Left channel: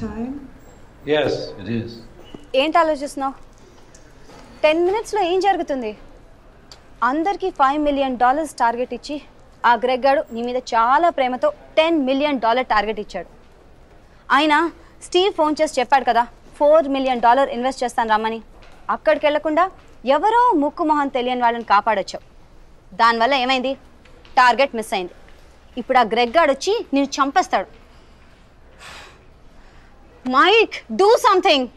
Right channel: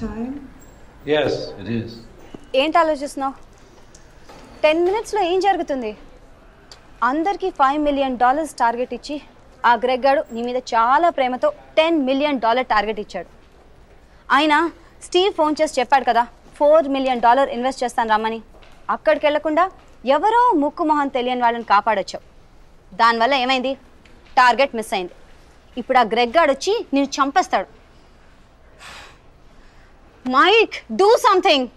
time? Yes, it is. ఏంటి ఆలోచిస్తున్నావు? 10 minutes లో ఏం జరుగుతుంది? అందరికి $5 million టార్గెట్ ఇచ్చి ఆ గ్రెగ్ గాడు నీ మీద చాలా ప్రేమతో $10 million టార్గెట్ ఇచ్చాడు. ఆయన స్టీవ్ ఫోన్ చేసి చెప్పాడు కదా $4 million ఇన్వెస్ట్ చేస్తాను రమ్మని. అక్కడికి వెళ్లకుండా ఎవరో ముక్కు మొహం తెలియని వాళ్ళని కాపాడొచ్చావు. దానివల్ల ఏమైంది? టార్గెట్ మిస్ అయింది. ఇప్పుడు ఆ గ్రెగ్ గాడు వచ్చి నిన్ను చంపేస్తాడు. Mike, do something.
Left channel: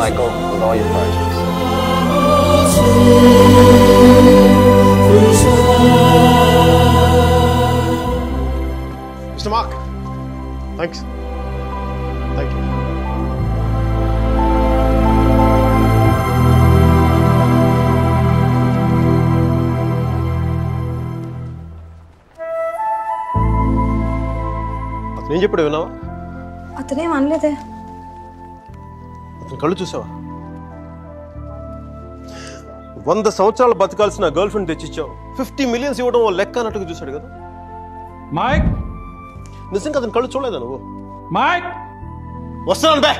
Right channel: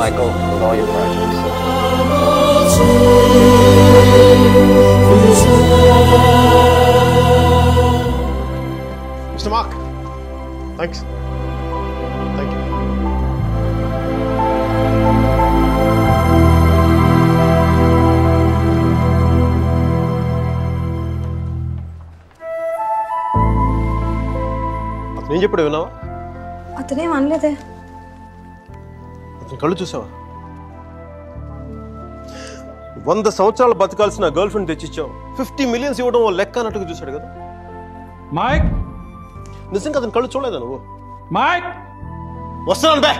Michael, with all your projects. Mr. Mark, thanks. Thank you. అతను ఏం చెప్పాడు విన్నావా? అతనేం అనలేదే. కళ్ళు చూసావా? 100 సంవత్సరాలు బతకాల్సిన గర్ల్ ఫ్రెండ్ తెచ్చిచ్చావు. 50 million ఇవ్వడం లెక్క అన్నట్టుగా చూశాడు కదా. మైక్, నిజంగా అతను కళ్ళు చూడలేదా నువ్వు? మైక్, వస్తున్నాను బే.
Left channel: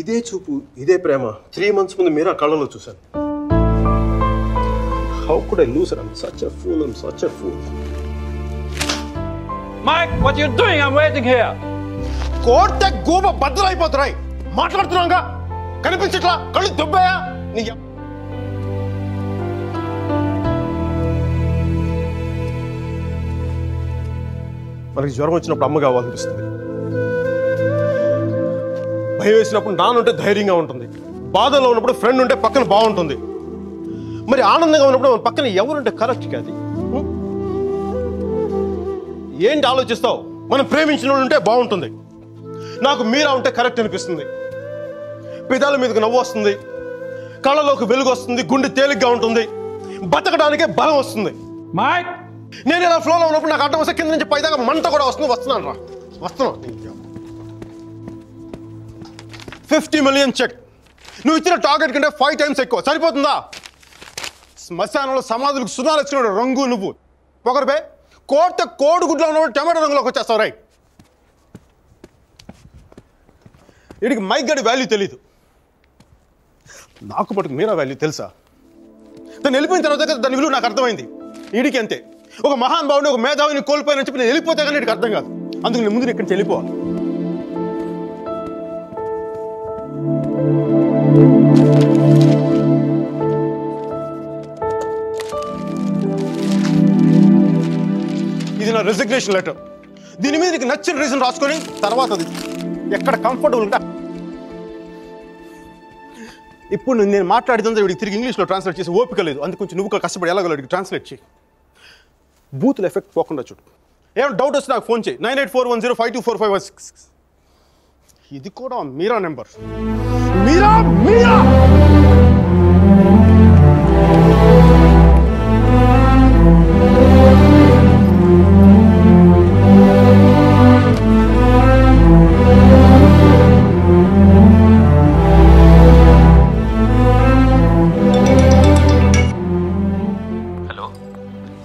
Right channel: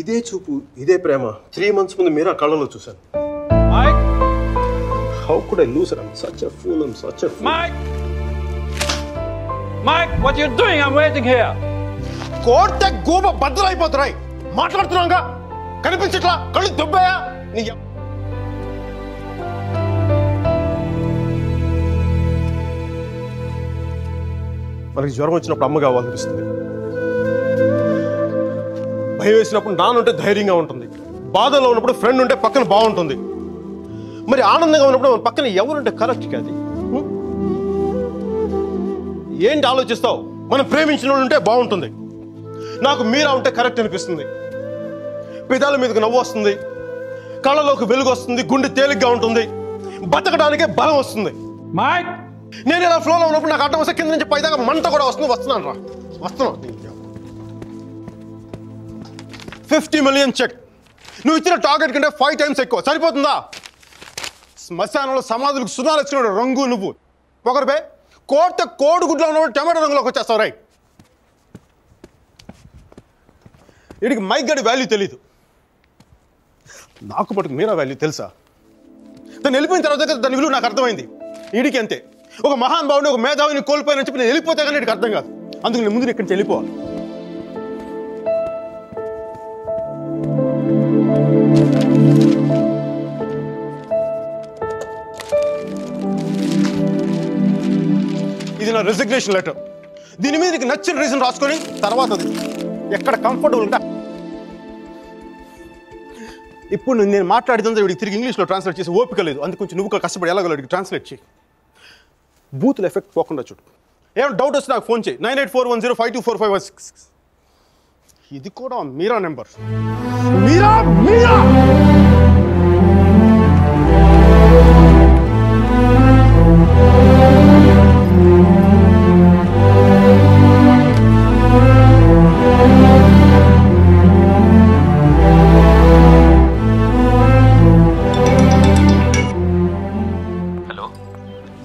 ఇదే చూపు, ఇదే ప్రేమ 3 months ముందు మీరు ఆ కళ్ళలో చూశాను. Mike, how could I lose? I'm such a fool. I'm such a fool. Mike, Mike, what you doing? I'm waiting here. కోర్టే గోబ బద్దలైపోతున్నాయి. మాట్లాడుతున్నాగా కనిపించట్లా? కళ్ళు దుబ్బాయా? మనకి జ్వరం వచ్చినప్పుడు అమ్మ కావాలనిపిస్తుంది. భయం వేసినప్పుడు నాన్నుంటే ధైర్యంగా ఉంటుంది. బాధలో ఉన్నప్పుడు ఫ్రెండ్ ఉంటే పక్కన బాగుంటుంది. మరి ఆనందంగా ఉన్నప్పుడు మన పక్కన ఎవరుంటే కరెక్ట్ కాదు. ఏంటి ఆలోచిస్తావు? మనం ప్రేమించిన వాళ్ళు ఉంటే బాగుంటుంది. నాకు మీరా ఉంటే కరెక్ట్ అనిపిస్తుంది. పెదాల మీదకి నవ్వు వస్తుంది, కళ్ళలోకి వెలుగు వస్తుంది, గుండె తేలిగ్గా ఉంటుంది, బతకడానికే బలం వస్తుంది. మైక్, నేను ఇలా ఫ్లోలో ఉన్నప్పుడు నాకు అడ్డం వస్తే కింద నుంచి పైదాకా మంట కూడా వస్తుంది. వస్తున్నాను రా, వస్తున్నాను. 50 million చెక్. నువ్వు ఇచ్చిన టార్గెట్ కంటే 5 times ఎక్కువ. సరిపోతుందా? శ్మశానంలో సమాధులకు సునాలు వచ్చిన రంగు నువ్వు. పొగరుపై కోర్త కోడిగుడ్లో ఉన్నప్పుడు టమాటో రంగులోకి వచ్చేస్తావు. రైట్. వీడికి మైక్ గడి వాల్యూ తెలీదు. నాకు పట్టుకు మీరా వాల్యూ తెలుసా? తను వెళ్ళిపోయిన తర్వాత దాని విలువ నాకు అర్థమైంది. వీడికి అంతే. ఒక మహాన్ భావుని, ఒక మేధావిని కోల్పోయినని చెప్పి నేను వెళ్ళిపోతే కానీ వీడికి అర్థం కాదు. అందుకు నేను ముందు ఇక్కడి నుంచి వెళ్ళిపోవాలి. ఇది నా రెసిగ్నేషన్ లెటర్. దీని మీద నీకు నచ్చిన రీజన్ రాసుకొని తర్వాత అది ఎక్కడ కంఫర్టబుల్ ఉంటే ఇప్పుడు నేను మాట్లాడితే వీడికి తిరిగి ఇంగ్లీష్లో ట్రాన్స్లేట్ చేసి ఓపిక లేదు. అందుకు కొంచెం నువ్వు కష్టపడి ఎలాగో వీడికి ట్రాన్స్లేట్ చేయి. బూతుల ఎఫెక్ట్ పోకుండా చూడు. ఏమైనా డౌట్ వస్తే నాకు ఫోన్ చేయి. 9841052456. ఇది కూడా మీరా నెంబర్. మీరా మీరా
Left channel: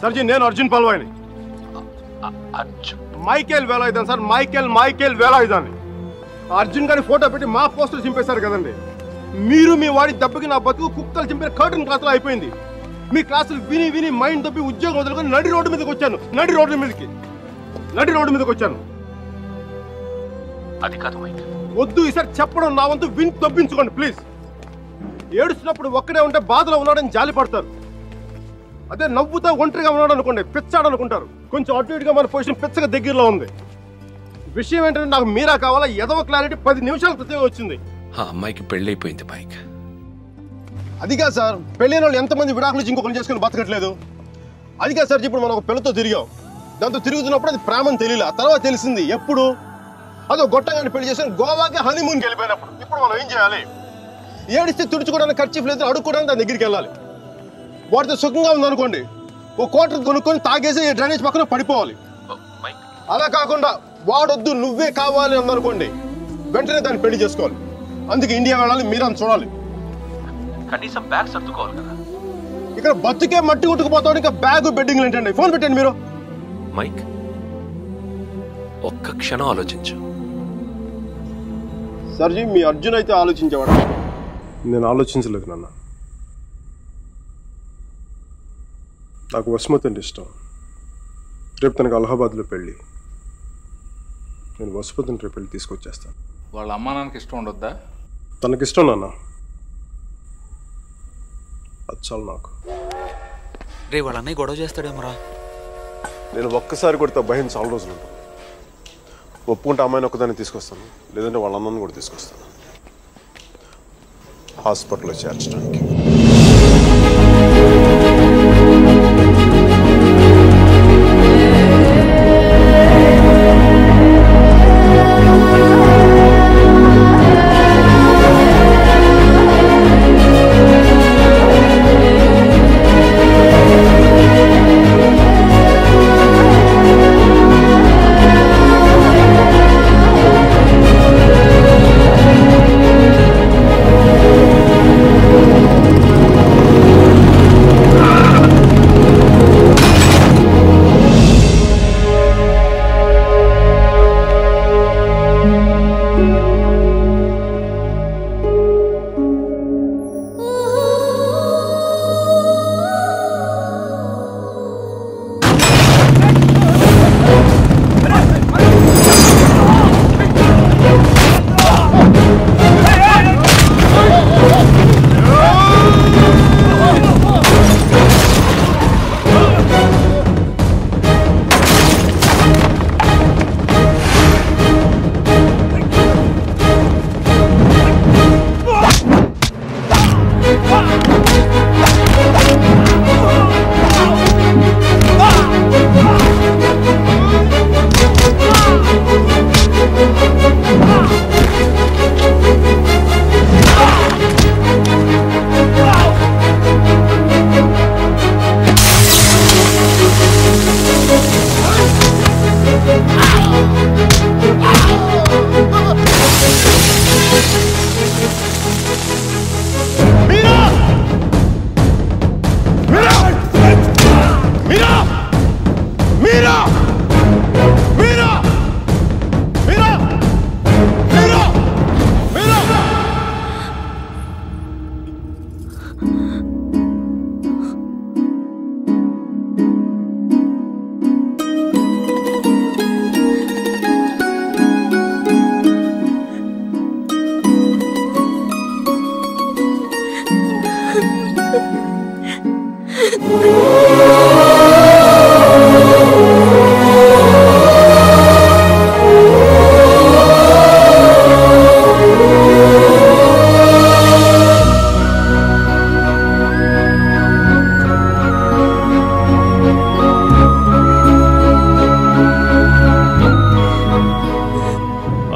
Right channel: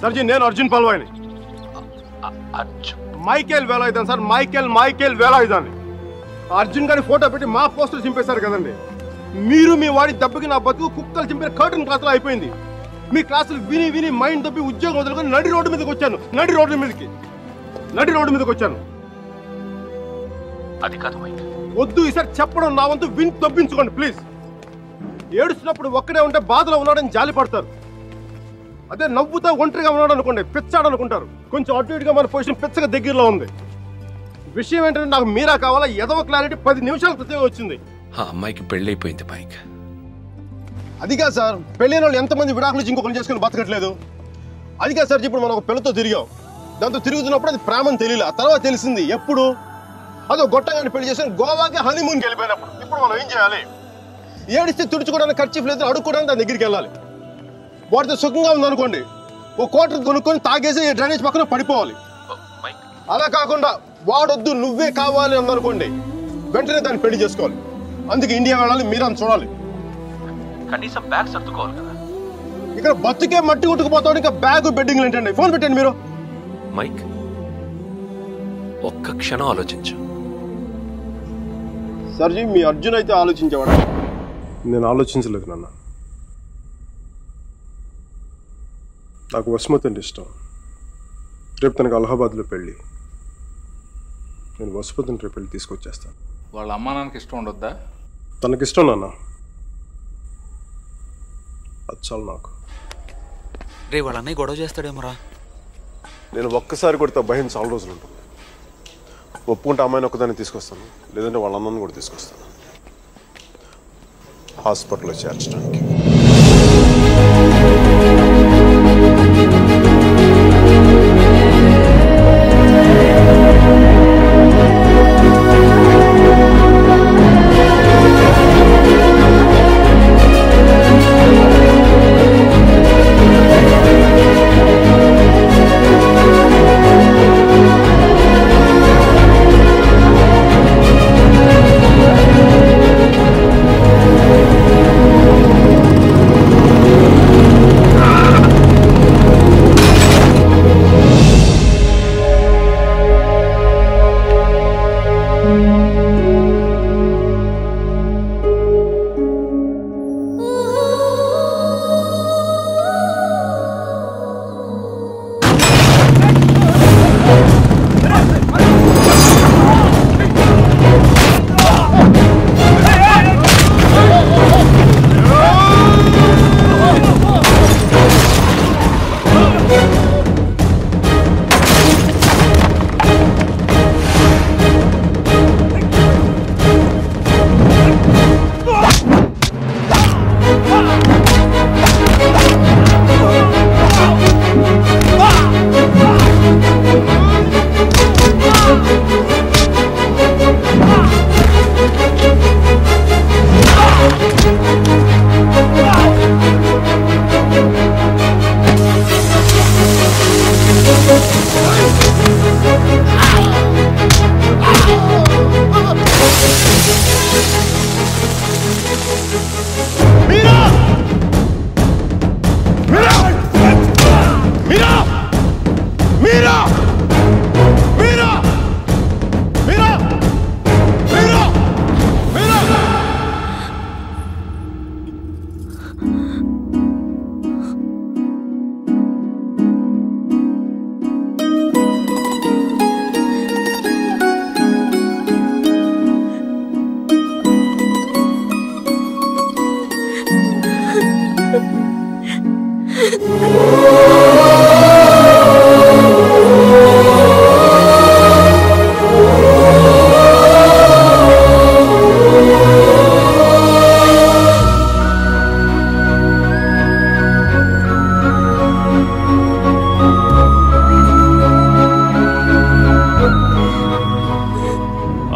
సర్జీ, నేను Arjun పల్వాయిని. Michael వేలాయుధాన్ sir, Michael వేలాయుధాన్ని. Arjun గారి ఫోటో పెట్టి మా పోస్టర్ చింపేశారు కదండి. మీరు మీ వాడి దెబ్బకి నా బతుకు కుక్కలు చింపిన కర్టన్ క్లాసులో అయిపోయింది. మీ క్లాసులు విని విని మైండ్ దొబ్బి ఉద్యోగం వదులుకొని నడి రోడ్డు మీదకి వచ్చాను. నడి రోడ్డు మీదకి వచ్చాను. అది కాదు మైక్. వద్దు, ఈసారి చెప్పడం నా వంతు విని దొబ్బించుకోండి ప్లీజ్. ఏడుస్తున్నప్పుడు ఒక్కడే ఉంటే బాధలో ఉన్నాడని జాలి పడతారు. అదే నవ్వుతా ఒంటరిగా ఉన్నాడు అనుకోండి, పిచ్చాడు అనుకుంటారు. కొంచెం అటు ఇటుగా మన పొజిషన్ పిచ్చగా దగ్గరలో ఉంది. విషయం ఏంటంటే నాకు మీరా కావాలా? ఎదవ క్లారిటీ 10 నిమిషాల క్రితం వచ్చింది. ఆ అమ్మాయికి పెళ్ళైపోయింది మైక్. అది కాదు సార్, పెళ్ళైన వాళ్ళు ఎంతమంది విడాకులు ఇచ్చి ఇంకొకరు చేసుకుని బతకట్లేదు. అది కాదు సార్, ఇప్పుడు మనం ఒక పిల్లతో తిరిగాం. దాంతో తిరుగుతున్నప్పుడు అది ప్రేమని తెలియలే. ఆ తర్వాత తెలిసింది. ఎప్పుడు? అదో గొట్టంగాని పెళ్లి చేసుకుని గోవాకి హనీమూన్కి వెళ్ళిపోయినప్పుడు. ఇప్పుడు మనం ఏం చేయాలి? ఏడిస్తే తుడుచుకోవడానికి ఖర్చు లేదు, అడుక్కోవడానికి దాని దగ్గరికి వెళ్ళాలి. వాటితో సుఖంగా ఉందనుకోండి, ఓ క్వార్టర్ కొనుక్కొని తాగేసి డ్రైనేజ్ పక్కన పడిపోవాలి. అలా కాకుండా వాడొద్దు నువ్వే కావాలి అందనుకోండి, వెంటనే దాన్ని పెళ్లి చేసుకోవాలి. అందుకే ఇండియా వెళ్ళాలి, మీరని చూడాలి. కనీసం బ్యాగ్ సర్దుకోవాలి కదా. ఇక్కడ బతుకే మట్టి కొట్టుకుపోతాడు, ఇంకా బ్యాగ్ బెడ్డింగ్ ఏంటండి? ఫోన్ పెట్టండి మీరు. మైక్, ఒక్క క్షణం ఆలోచించు. సర్జీ, మీ అర్జున్ అయితే ఆలోచించేవాడు. నేను ఆలోచించలేదు నాన్న. నాకు వసుమతి అంటే ఇష్టం. రేపు తనకు అలహాబాద్లో పెళ్ళి. నేను వసుమతిని రేపు పెళ్ళి తీసుకొచ్చేస్తాను. వాళ్ళ అమ్మా నాన్నకి ఇష్టం ఉండొద్దా? తనకిష్టం నాన్న, అది చాలు నాకు. రే వాళ్ళ అన్నయ్య గొడవ చేస్తాడేమోరా. నేను ఒక్కసారి కొడితే భయం చాలా రోజులు ఉంటుంది. ఒప్పుకుంటే అమ్మాయిని ఒక్కదాన్ని తీసుకొస్తాను, లేదంటే వాళ్ళ అన్నను కూడా తీసుకొస్తాను హాస్పిటల్లో చేర్చడానికి.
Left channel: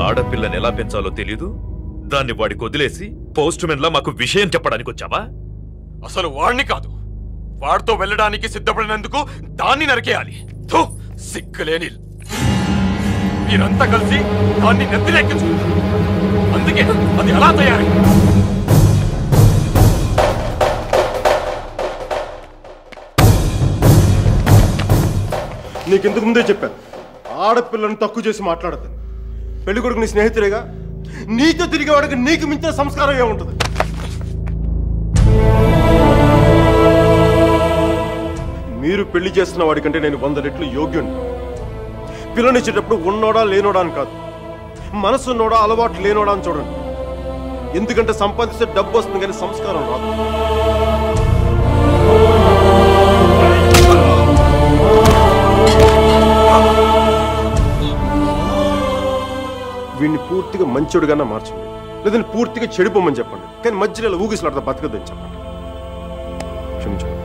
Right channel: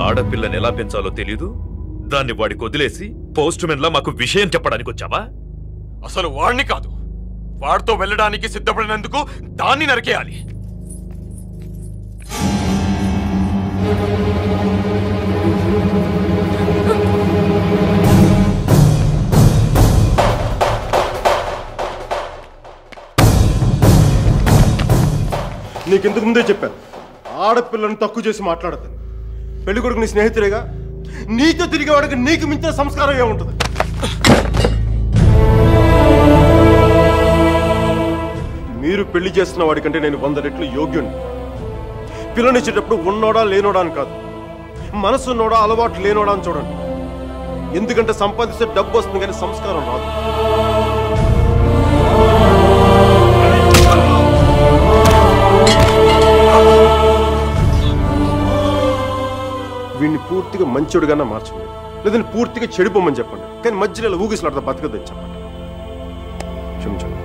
ఆడపిల్లని ఎలా పెంచాలో తెలీదు, దాన్ని వాడికి వదిలేసి పోస్ట్ మెన్ లా మాకు విషయం చెప్పడానికి వచ్చావా? అసలు వాడిని కాదు, వాడితో వెళ్ళడానికి సిద్ధపడినందుకు దాన్ని నరికేయాలి. సిగ్గులేని మీరంతా కలిసి దాన్ని నెత్తినెక్కించు. అందుకే అది ఎలా తయారు? నీకెందుకు ముందే చెప్పాను, ఆడపిల్లను తక్కువ చేసి మాట్లాడతాను. పెళ్లి కొడుకు నీ స్నేహితులేగా, నీతో తిరిగేవాడికి నీకు మించిన సంస్కారం ఏముంటుంది? మీరు పెళ్లి చేస్తున్న వాడికంటే నేను 100 రెట్లు యోగ్యుణ్ణి. పిల్లనిచ్చేటప్పుడు ఉన్నోడా లేనోడా అని కాదు, మనసున్నోడా అలవాటు లేనోడా అని చూడండి. ఎందుకంటే సంపాదిస్తే డబ్బు వస్తుంది కానీ సంస్కారం రాదు. వీడిని పూర్తిగా మంచోడుగానే మార్చండి, లేదని పూర్తిగా చెడిపోమని చెప్పండి. కానీ మధ్యలో ఊగిసలాడతా బతకద్దని చెప్పండి. క్షమించండి.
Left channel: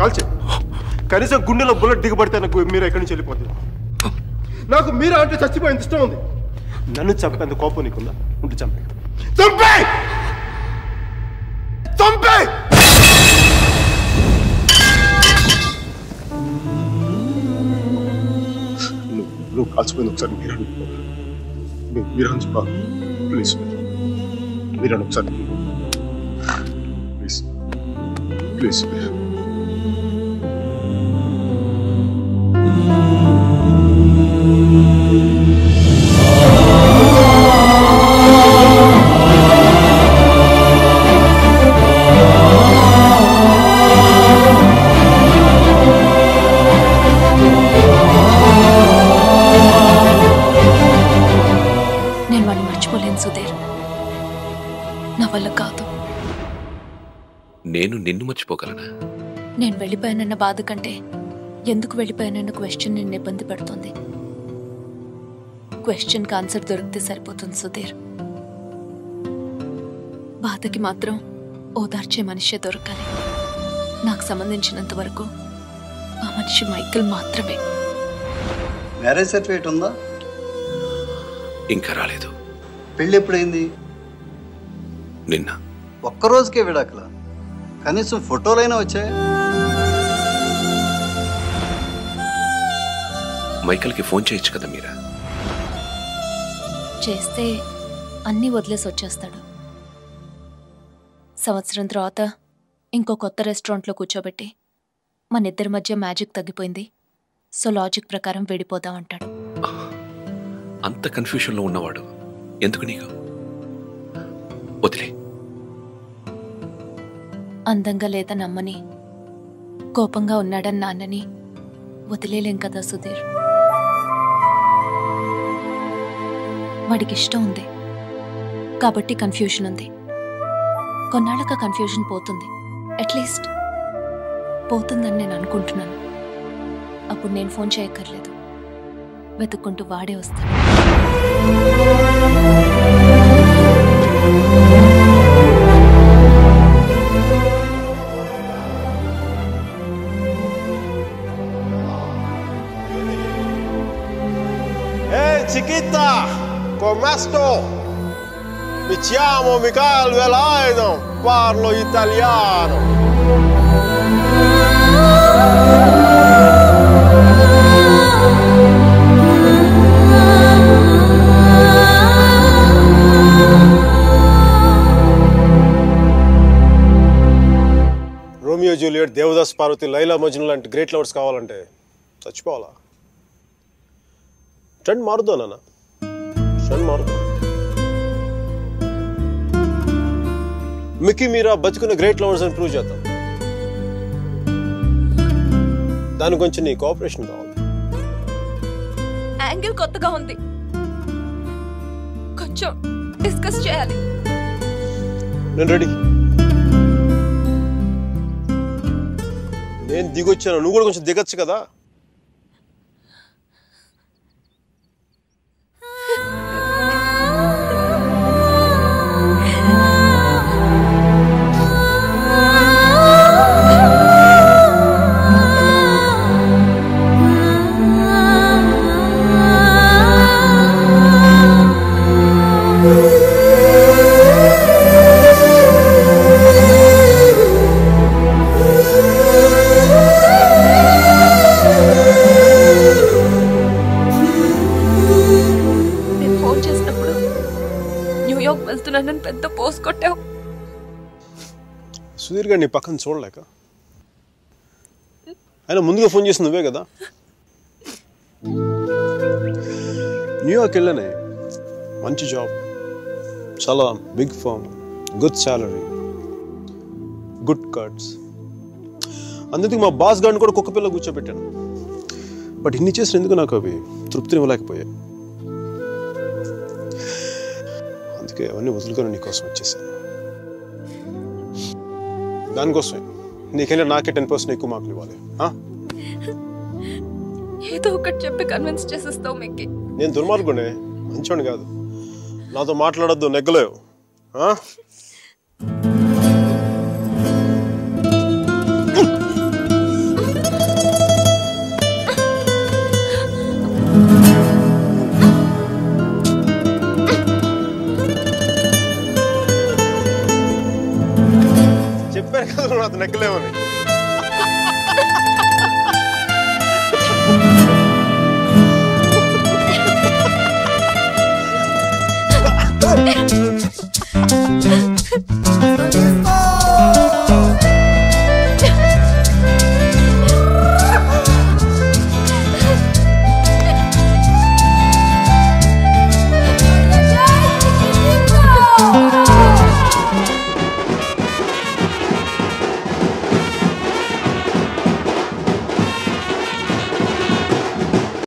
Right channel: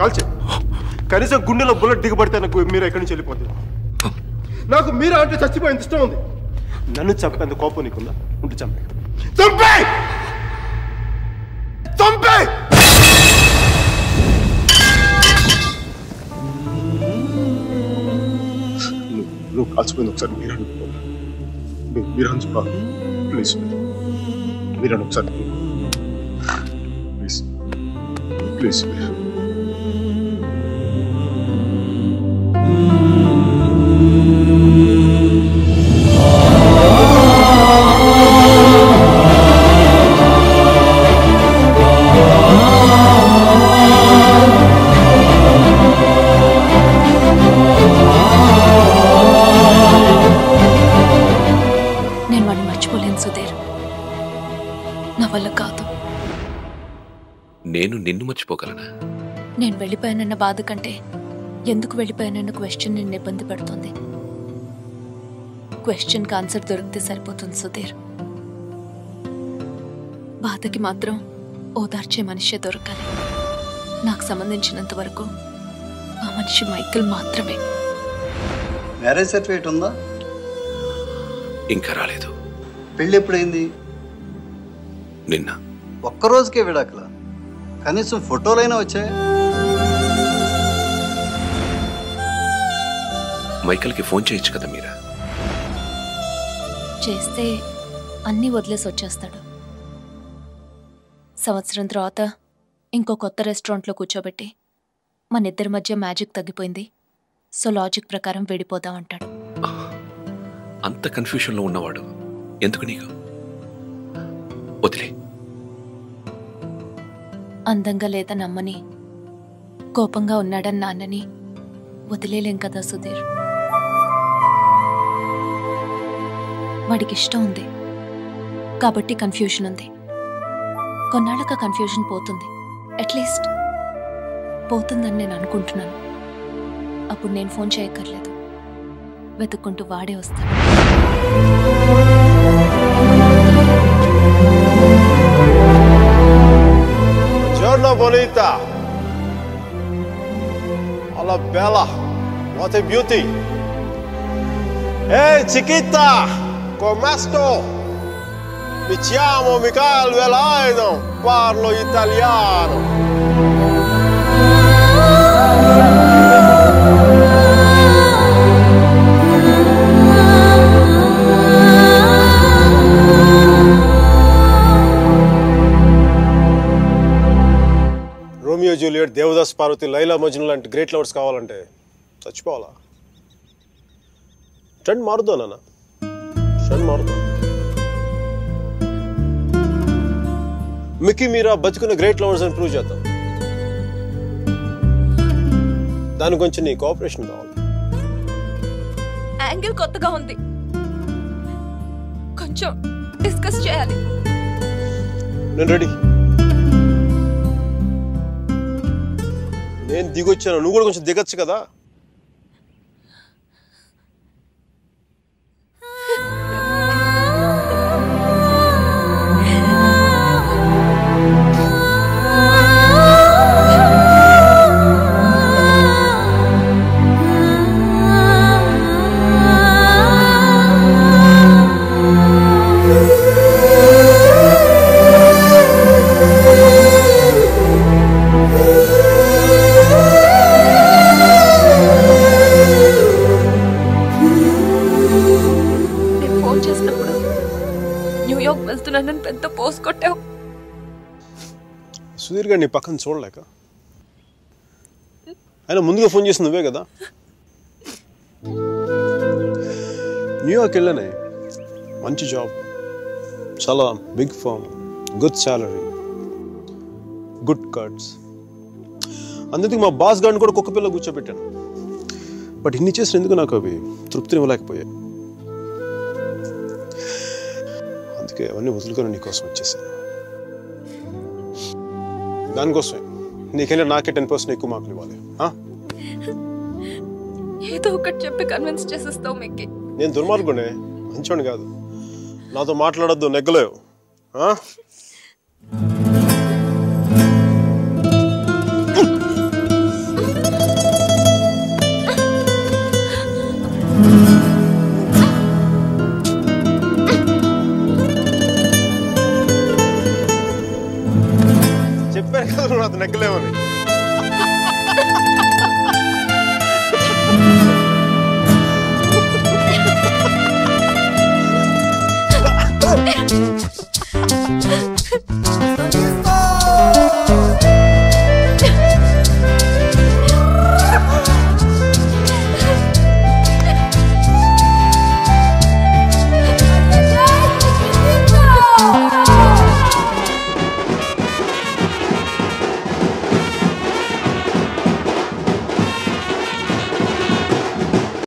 కాల్చే కనీసం గుండెలో బుల్లెట్ దిగబడితే నాకు మీరు ఎక్కడి నుంచి వెళ్ళిపోతుంది. నాకు మీరా అంటే చచ్చిపోయింది ఇష్టం ఉంది. నన్ను చంపేంత కోపం నీకుందా? ఉంటే చంపే చంపే చంపే. నువ్వు కాల్చిపోయింది ఒకసారి మీరా మీరా చెప్పాలి. ప్లీజ్ మీరా ఒకసారి ప్లీజ్ ప్లీజ్ ప్లీజ్. నేను వాడిని మర్చిపోలేను సుధీర్, నా వల్ల కాదు. నేను నిన్ను మర్చిపోగలనా? నేను వెళ్ళిపోయానన్న బాధ కంటే ఎందుకు వెళ్ళిపోయానన్న క్వశ్చన్ నిన్ను ఇబ్బంది పడుతుంది. క్వశ్చన్కి ఆన్సర్ దొరికితే సరిపోతుంది సుధీర్. బాధకి మాత్రం ఓదార్చే మనిషే దొరకాలి. నాకు సంబంధించినంత వరకు ఆ మనిషి మైకేల్ మాత్రమే. మ్యారేజ్ సర్టిఫికేట్ ఉందా? ఇంకా రాలేదు. పెళ్ళి ఎప్పుడైంది? నిన్న. ఒక్కరోజుకే విడాకులా? కనీసం ఫోటోలైనా వచ్చాయి? మైకేల్కి ఫోన్ చేయొచ్చు కదా మీరా? చేస్తే అన్నీ వదిలేసి వచ్చేస్తాడు. సంవత్సరం తర్వాత ఇంకో కొత్త రెస్టారెంట్లో కూర్చోబెట్టి మన ఇద్దరి మధ్య మ్యాజిక్ తగ్గిపోయింది, సో లాజిక్ ప్రకారం విడిపోదాం అంటాడు. అంత కన్ఫ్యూషన్లో ఉన్నవాడు ఎందుకు నీకు? వదిలే. అందంగా లేదని అమ్మని, కోపంగా ఉన్నాడని నాన్నని వదిలేలేం కదా సుధీర్. వాడికి ఇష్టం ఉంది కాబట్టి కన్ఫ్యూషన్ ఉంది. కొన్నాళ్ళక కన్ఫ్యూషన్ పోతుంది, అట్లీస్ట్ పోతుందని నేను అనుకుంటున్నాను. అప్పుడు నేను ఫోన్ చేయక్కర్లేదు, వెతుక్కుంటూ వాడే వస్తాడు. Giorno bonita. Alla bella. What a beauty. Hey chiquita, come sto? Mi chiamo Michael Velaino, parlo italiano. Romeo Juliet, Devdas Parvati, Laila Majnu లాంటి గ్రేట్ లవర్స్ కావాలంటే చచ్చిపోవాలా? ట్రెండ్ మారుద్దా నాన్న, ట్రెండ్ మారుద్దా. మిక్కీ మీరా బతుకున్న గ్రేట్ లవర్స్ అని ప్రూవ్ చేద్దాం. దాని గురించి నీ కోఆపరేషన్ కావాలి. యాంగిల్ కొత్తగా ఉంది, కొంచెం డిస్కస్ చేయాలి. నేను రెడీ. నేను దిగొచ్చాను, నువ్వు కూడా కొంచెం దిగచ్చు కదా. వెళ్తున్నానని పెద్ద పోస్ట్ కొట్టావు. సుధీర్ గారు నీ పక్కన చూడలేక ఆయన ముందుగా ఫోన్ చేసి నువ్వే కదా. న్యూయార్క్ వెళ్ళానే, మంచి జాబ్, చాలా big firm, good salary, good cuts. అందుకే మా బాస్ గారిని కూడా కుక్క పిల్ల కూర్చోబెట్టాను. బట్ ఇన్ని చేసిన ఎందుకు నాకు అవి తృప్తిని ఇవ్వలేకపోయాయి. అందుకే అవన్నీ వదులుకొని నీకోసం వచ్చేసాను. దానికోసమే నీకెళ్ళి నాకే 10% ఎక్కువ మార్కులు ఇవ్వాలి. ఏదో ఒకటి చెప్పి కన్విన్స్ చేసేస్తావు మిక్కి. నేను దుర్మార్గునే, మంచోని కాదు. నాతో మాట్లాడొద్దు, నెగ్గలేవు. చెప్పారు కదా నువ్వు నాతో నెగ్గలేవని. Sonista